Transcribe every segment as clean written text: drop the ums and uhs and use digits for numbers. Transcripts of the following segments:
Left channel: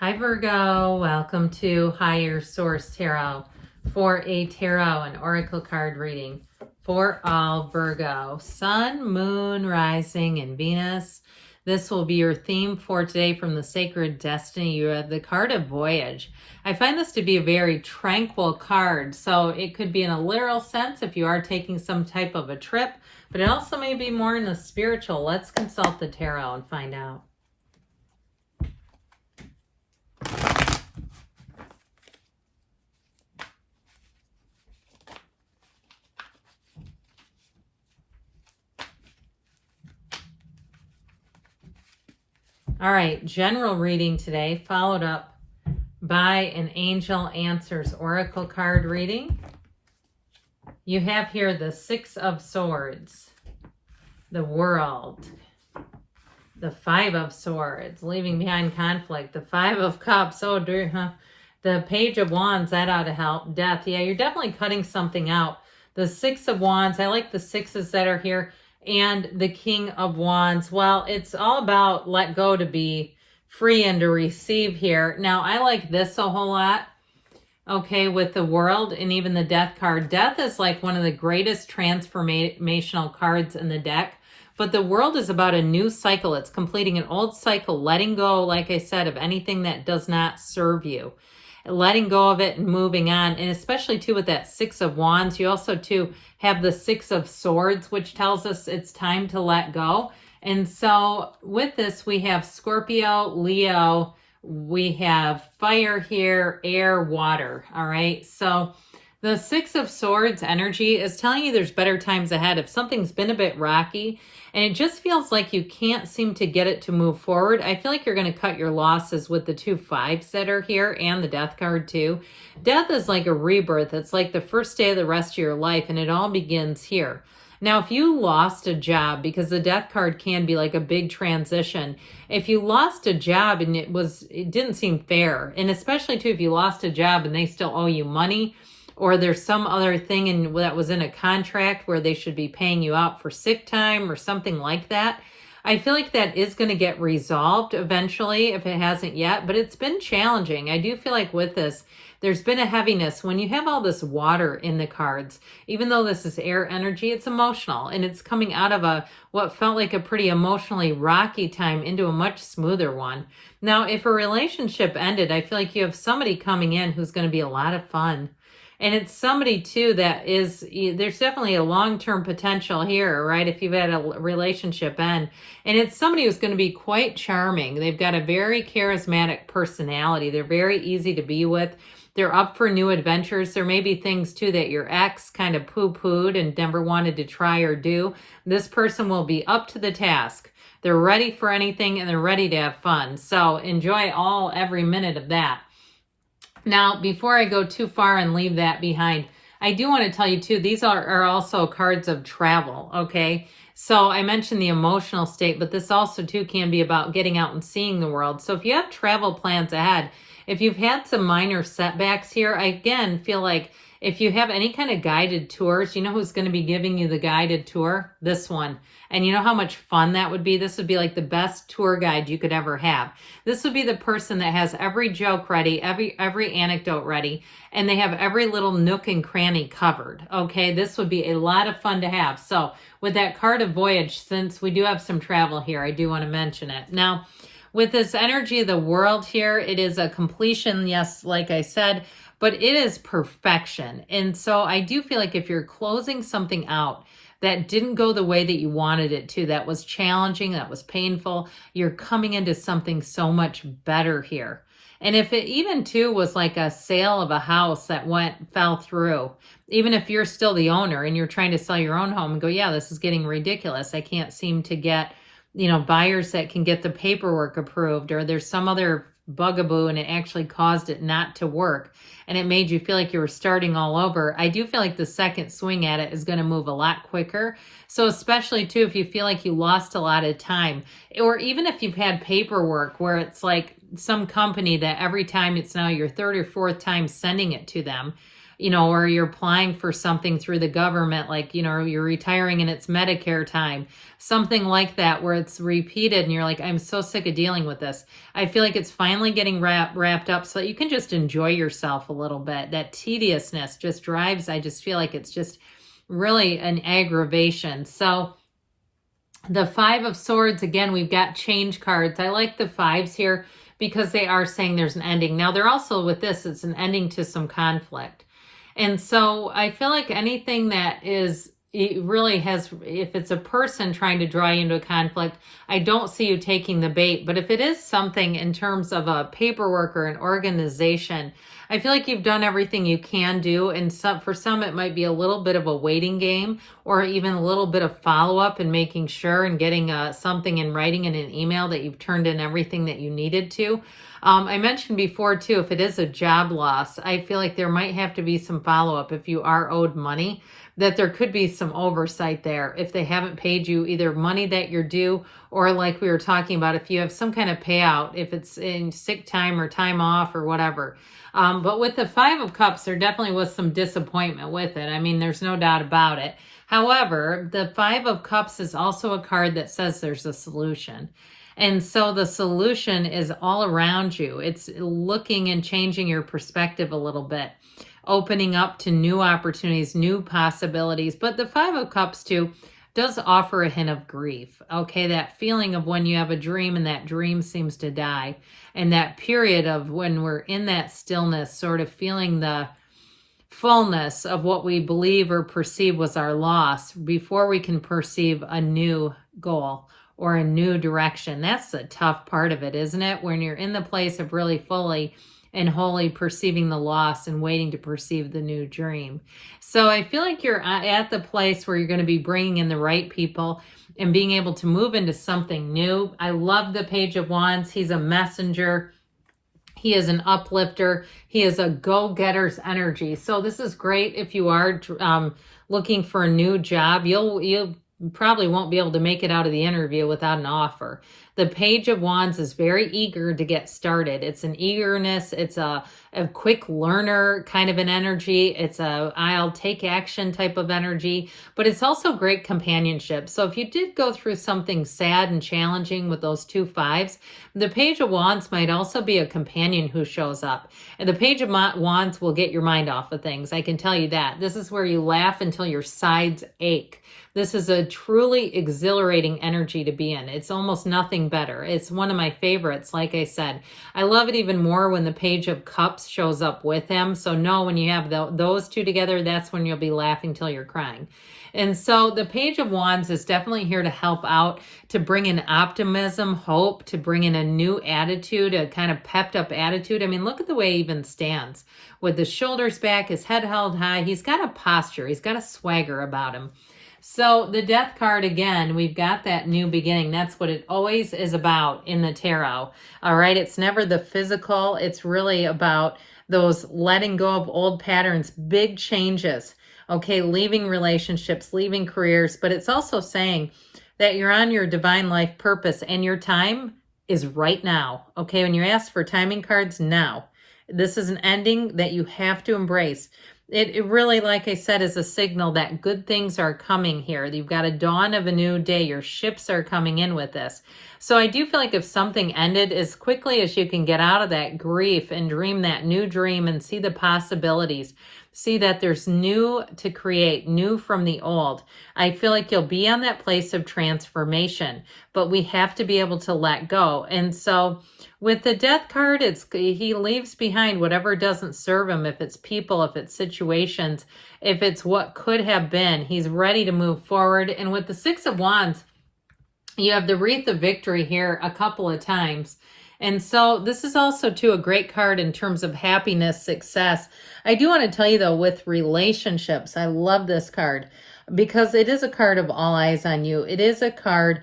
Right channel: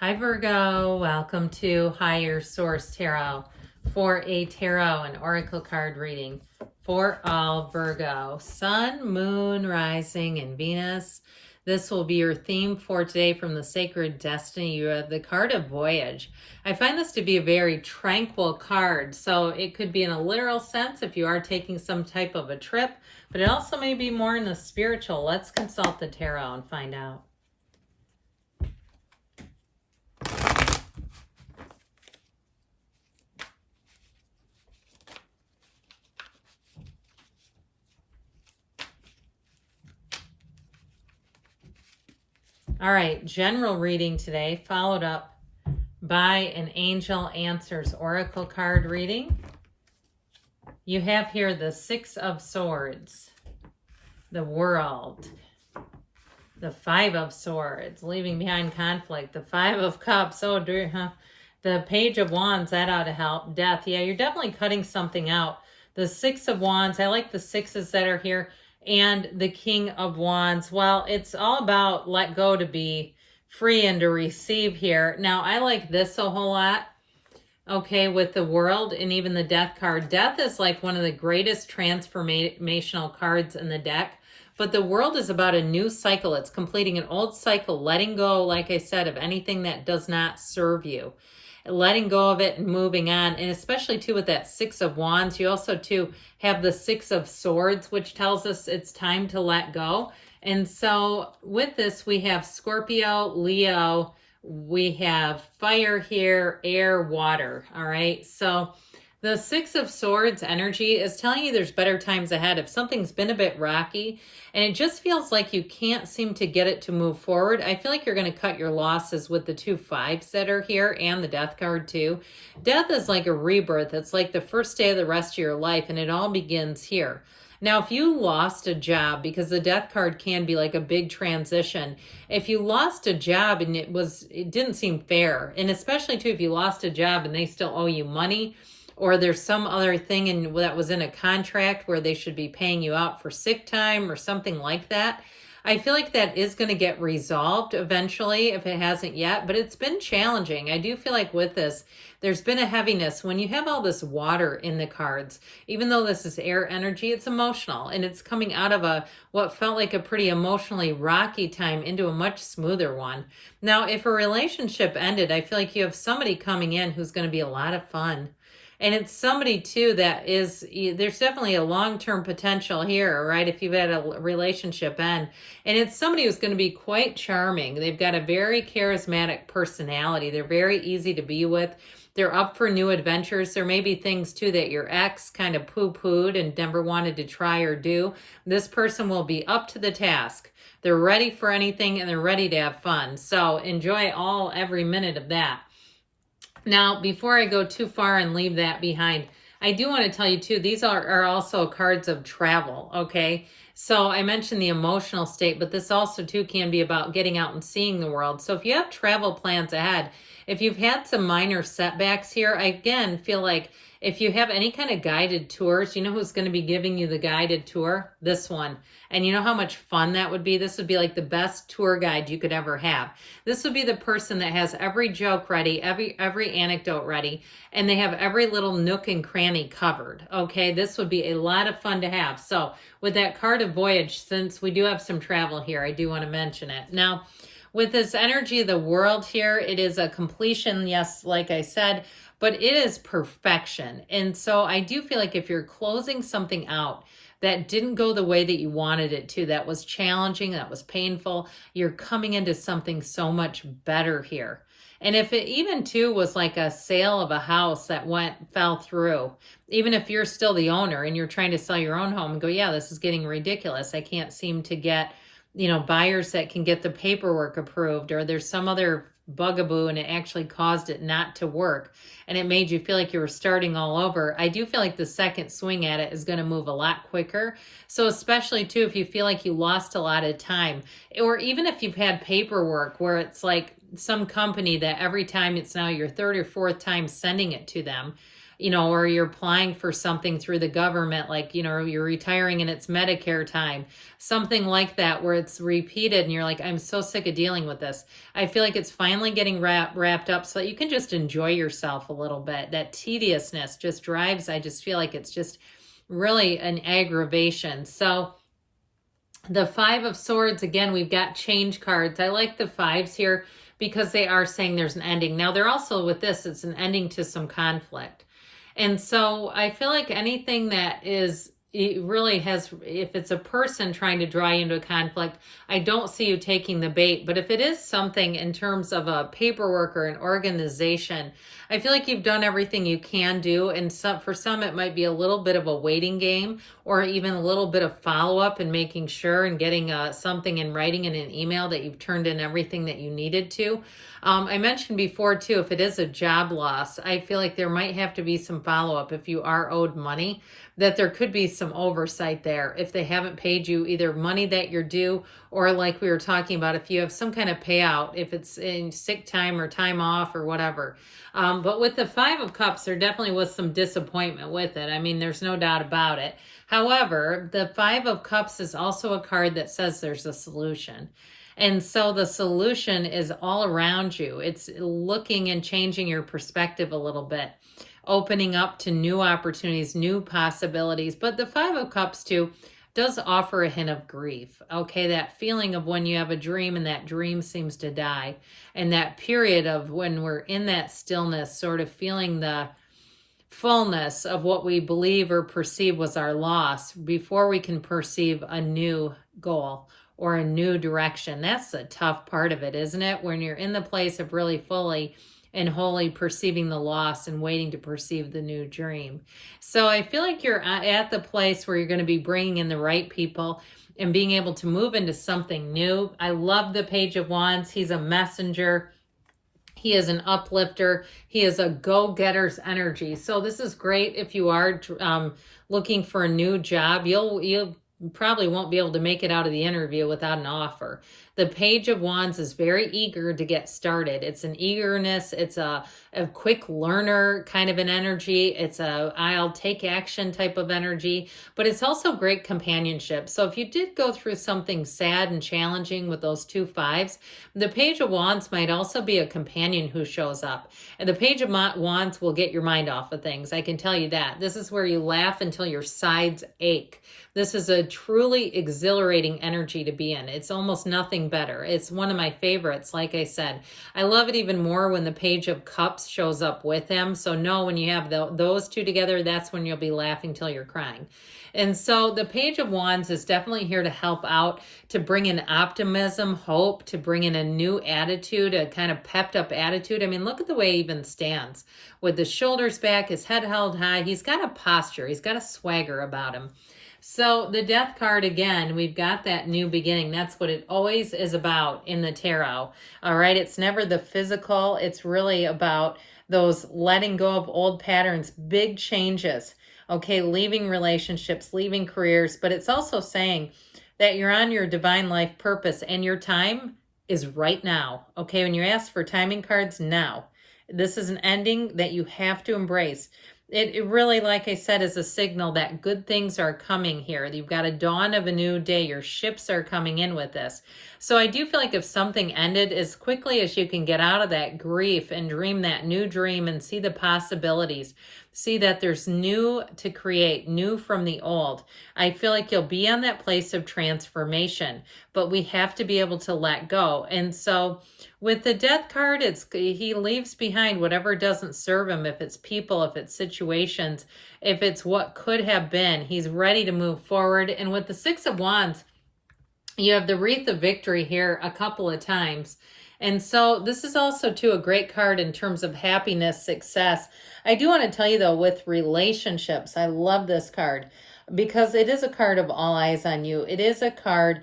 Hi Virgo, welcome to Higher Source Tarot for a tarot and oracle card reading for all Virgo, Sun, Moon, Rising, and Venus. This will be your theme for today from the Sacred Destiny. You have the card of Voyage. I find this to be a very tranquil card, so it could be in a literal sense if you are taking some type of a trip, but it also may be more in the spiritual. Let's consult the tarot and find out. All right, general reading today, followed up by an Angel Answers Oracle card reading. You have here the Six of Swords, the World, the Five of Swords, leaving behind conflict, the Five of Cups, oh dear, huh? The Page of Wands, that ought to help, Death, yeah, you're definitely cutting something out. The Six of Wands, I like the sixes that are here. And the King of Wands, well, it's all about let go to be free and to receive here. Now, I like this a whole lot, okay, with the World and even the Death card. Death is like one of the greatest transformational cards in the deck, but the World is about a new cycle. It's completing an old cycle, letting go, like I said, of anything that does not serve you. Letting go of it and moving on. And especially too with that Six of Wands, you also too have the Six of Swords, which tells us it's time to let go. And so with this, we have Scorpio, Leo, we have fire here, air, water. All right. So the Six of Swords energy is telling you there's better times ahead. If something's been a bit rocky and it just feels like you can't seem to get it to move forward, I feel like you're going to cut your losses with the two fives that are here and the Death card too. Death is like a rebirth. It's like the first day of the rest of your life, and it all begins here. Now, if you lost a job, because the Death card can be like a big transition, if you lost a job and it didn't seem fair, and especially too if you lost a job and they still owe you money, or there's some other thing that was in a contract where they should be paying you out for sick time or something like that, I feel like that is going to get resolved eventually if it hasn't yet, but it's been challenging. I do feel like with this, there's been a heaviness. When you have all this water in the cards, even though this is air energy, it's emotional, and it's coming out of what felt like a pretty emotionally rocky time into a much smoother one. Now, if a relationship ended, I feel like you have somebody coming in who's going to be a lot of fun. And it's somebody too that is, there's definitely a long-term potential here, right? If you've had a relationship end. And it's somebody who's going to be quite charming. They've got a very charismatic personality. They're very easy to be with. They're up for new adventures. There may be things too that your ex kind of poo-pooed and never wanted to try or do. This person will be up to the task. They're ready for anything and they're ready to have fun. So enjoy every minute of that. Now, before I go too far and leave that behind, I do want to tell you too, these are also cards of travel, okay? So I mentioned the emotional state, but this also too can be about getting out and seeing the world. So if you have travel plans ahead, if you've had some minor setbacks here, I again feel like if you have any kind of guided tours, you know who's going to be giving you the guided tour? This one. And you know how much fun that would be? This would be like the best tour guide you could ever have. This would be the person that has every joke ready, every anecdote ready, and they have every little nook and cranny covered. Okay, this would be a lot of fun to have. So with that card of Voyage, since we do have some travel here, I do want to mention it. Now, with this energy of the World here, it is a completion, yes, like I said, but it is perfection. And so I do feel like if you're closing something out that didn't go the way that you wanted it to, that was challenging, that was painful, you're coming into something so much better here. And if it even too was like a sale of a house that fell through, even if you're still the owner and you're trying to sell your own home and go, yeah, this is getting ridiculous. I can't seem to get, buyers that can get the paperwork approved, or there's some other bugaboo and it actually caused it not to work and it made you feel like you were starting all over. I do feel like the second swing at it is going to move a lot quicker. So especially too, if you feel like you lost a lot of time, or even if you've had paperwork where it's like some company that every time it's now your third or fourth time sending it to them, you know, or you're applying for something through the government, like, you know, you're retiring and it's Medicare time, something like that, where it's repeated and you're like, I'm so sick of dealing with this. I feel like it's finally getting wrapped up so that you can just enjoy yourself a little bit. That tediousness just drives, I just feel like it's just really an aggravation. So the Five of Swords, again, we've got change cards. I like the fives here because they are saying there's an ending. Now, they're also, with this, it's an ending to some conflict. And so I feel like anything that is, it really has, if it's a person trying to draw you into a conflict, I don't see you taking the bait. But if it is something in terms of a paperwork or an organization, I feel like you've done everything you can do. And for some, it might be a little bit of a waiting game, or even a little bit of follow-up and making sure and getting something in writing in an email that you've turned in everything that you needed to. I mentioned before too, if it is a job loss, I feel like there might have to be some follow-up if you are owed money, that there could be some oversight there if they haven't paid you either money that you're due, or like we were talking about, if you have some kind of payout, if it's in sick time or time off or whatever. But with the Five of Cups, there definitely was some disappointment with it. I mean, there's no doubt about it. However, the Five of Cups is also a card that says there's a solution. And so the solution is all around you. It's looking and changing your perspective a little bit, opening up to new opportunities, new possibilities. But the Five of Cups too does offer a hint of grief. Okay, that feeling of when you have a dream and that dream seems to die. And that period of when we're in that stillness, sort of feeling the fullness of what we believe or perceive was our loss before we can perceive a new goal or a new direction. That's the tough part of it, isn't it? When you're in the place of really fully and wholly perceiving the loss and waiting to perceive the new dream. So I feel like you're at the place where you're going to be bringing in the right people and being able to move into something new. I love the Page of Wands. He's a messenger. He is an uplifter. He is a go-getter's energy. So this is great if you are looking for a new job. You'll probably won't be able to make it out of the interview without an offer. The Page of Wands is very eager to get started. It's an eagerness. It's a quick learner kind of an energy. It's a I'll take action type of energy, but it's also great companionship. So if you did go through something sad and challenging with those two fives, the Page of Wands might also be a companion who shows up. And the Page of Wands will get your mind off of things. I can tell you that. This is where you laugh until your sides ache. This is a truly exhilarating energy to be in. It's almost nothing better. It's one of my favorites, like I said. I love it even more when the Page of Cups shows up with him. So no, when you have those two together, that's when you'll be laughing till you're crying. And so the Page of Wands is definitely here to help out, to bring in optimism, hope, to bring in a new attitude, a kind of pepped up attitude. I mean, look at the way he even stands with the shoulders back, his head held high. He's got a posture. He's got a swagger about him. So the Death card, again, we've got that new beginning. That's what it always is about in the tarot. All right, it's never the physical. It's really about those letting go of old patterns, big changes. Okay, leaving relationships, leaving careers, but it's also saying that you're on your divine life purpose and your time is right now. Okay, when you ask for timing cards, now. This is an ending that you have to embrace. It really, like I said, is a signal that good things are coming here. You've got a dawn of a new day. Your ships are coming in with this. So I do feel like if something ended, as quickly as you can get out of that grief and dream that new dream and see the possibilities, see that there's new to create, new from the old, I feel like you'll be on that place of transformation, but we have to be able to let go. And so with the Death card, he leaves behind whatever doesn't serve him, if it's people, if it's situations, if it's what could have been. He's ready to move forward. And with the Six of Wands, you have the Wreath of Victory here a couple of times. And so this is also, too, a great card in terms of happiness, success. I do want to tell you, though, with relationships, I love this card because it is a card of all eyes on you. It is a card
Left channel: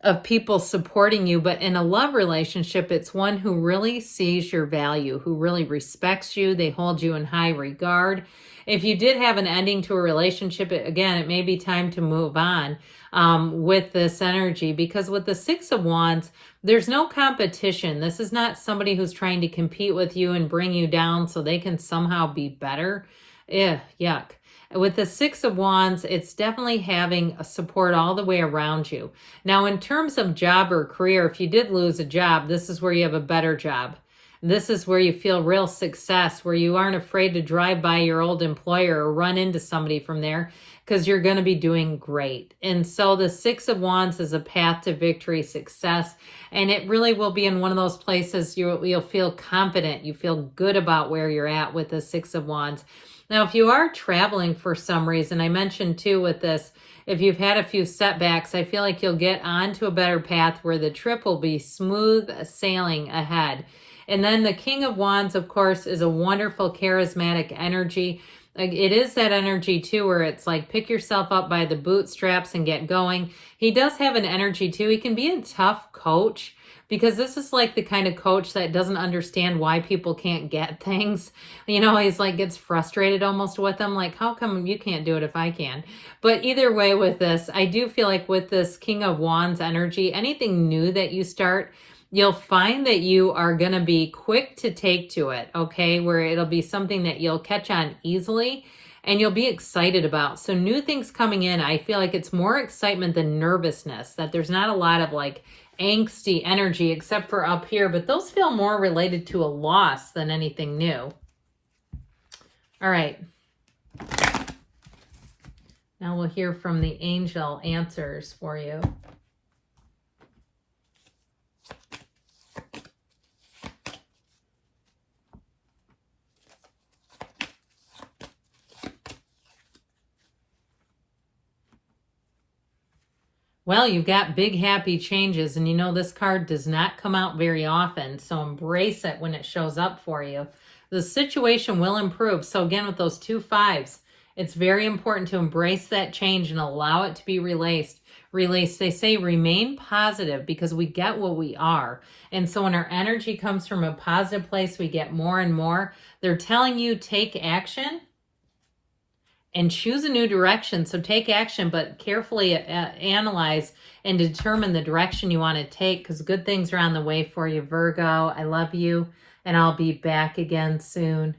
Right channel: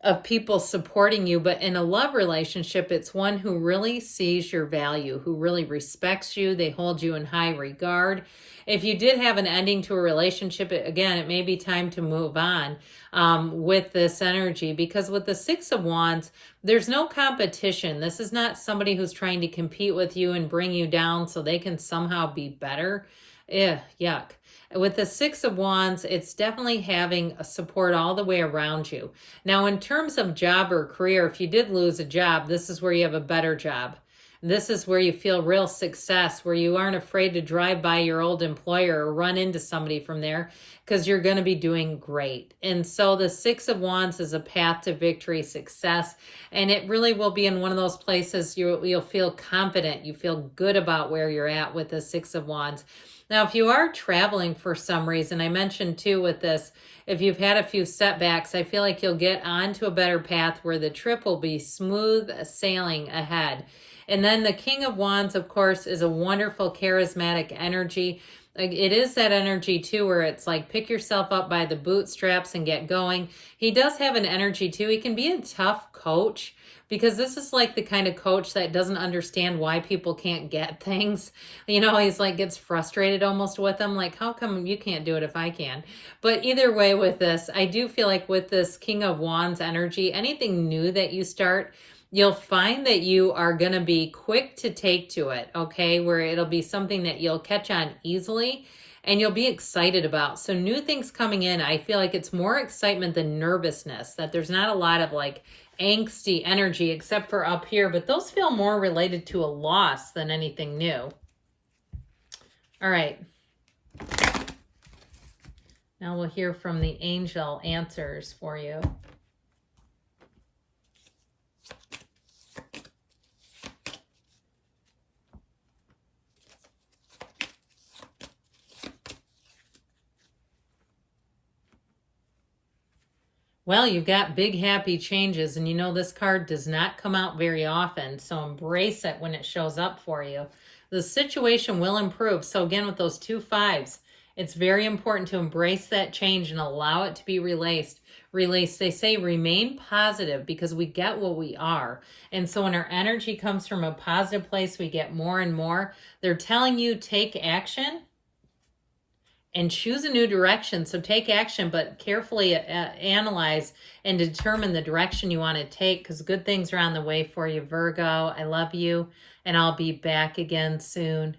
of people supporting you, but in a love relationship, it's one who really sees your value, who really respects you. They hold you in high regard. If you did have an ending to a relationship, again, it may be time to move on with this energy, because with the Six of Wands, there's no competition. This is not somebody who's trying to compete with you and bring you down so they can somehow be better. Yuck. With the Six of Wands, it's definitely having a support all the way around you. Now, in terms of job or career, if you did lose a job, this is where you have a better job. This is where you feel real success, where you aren't afraid to drive by your old employer or run into somebody from there, because you're going to be doing great. And so the Six of Wands is a path to victory, success, and it really will be in one of those places you'll feel confident, you feel good about where you're at with the Six of Wands. Now, if you are traveling for some reason, I mentioned too with this, if you've had a few setbacks, I feel like you'll get onto a better path where the trip will be smooth sailing ahead. And then the King of Wands, of course, is a wonderful, charismatic energy. It is that energy too where it's like pick yourself up by the bootstraps and get going. He does have an energy too. He can be a tough coach, because this is like the kind of coach that doesn't understand why people can't get things. You know, he's like gets frustrated almost with them. Like, how come you can't do it if I can? But either way with this, I do feel like with this King of Wands energy, anything new that you start, you'll find that you are going to be quick to take to it, okay? Where it'll be something that you'll catch on easily and you'll be excited about. So new things coming in, I feel like it's more excitement than nervousness, that there's not a lot of like angsty energy except for up here, but those feel more related to a loss than anything new. All right. Now we'll hear from the angel answers for you. Well, you've got big happy changes, and you know this card does not come out very often, so embrace it when it shows up for you. The situation will improve. So again, with those 2 5s, it's very important to embrace that change and allow it to be released. They say remain positive, because we get what we are. And so when our energy comes from a positive place, we get more and more. They're telling you take action and choose a new direction. So take action, but carefully analyze and determine the direction you want to take, because good things are on the way for you, Virgo. I love you, and I'll be back again soon.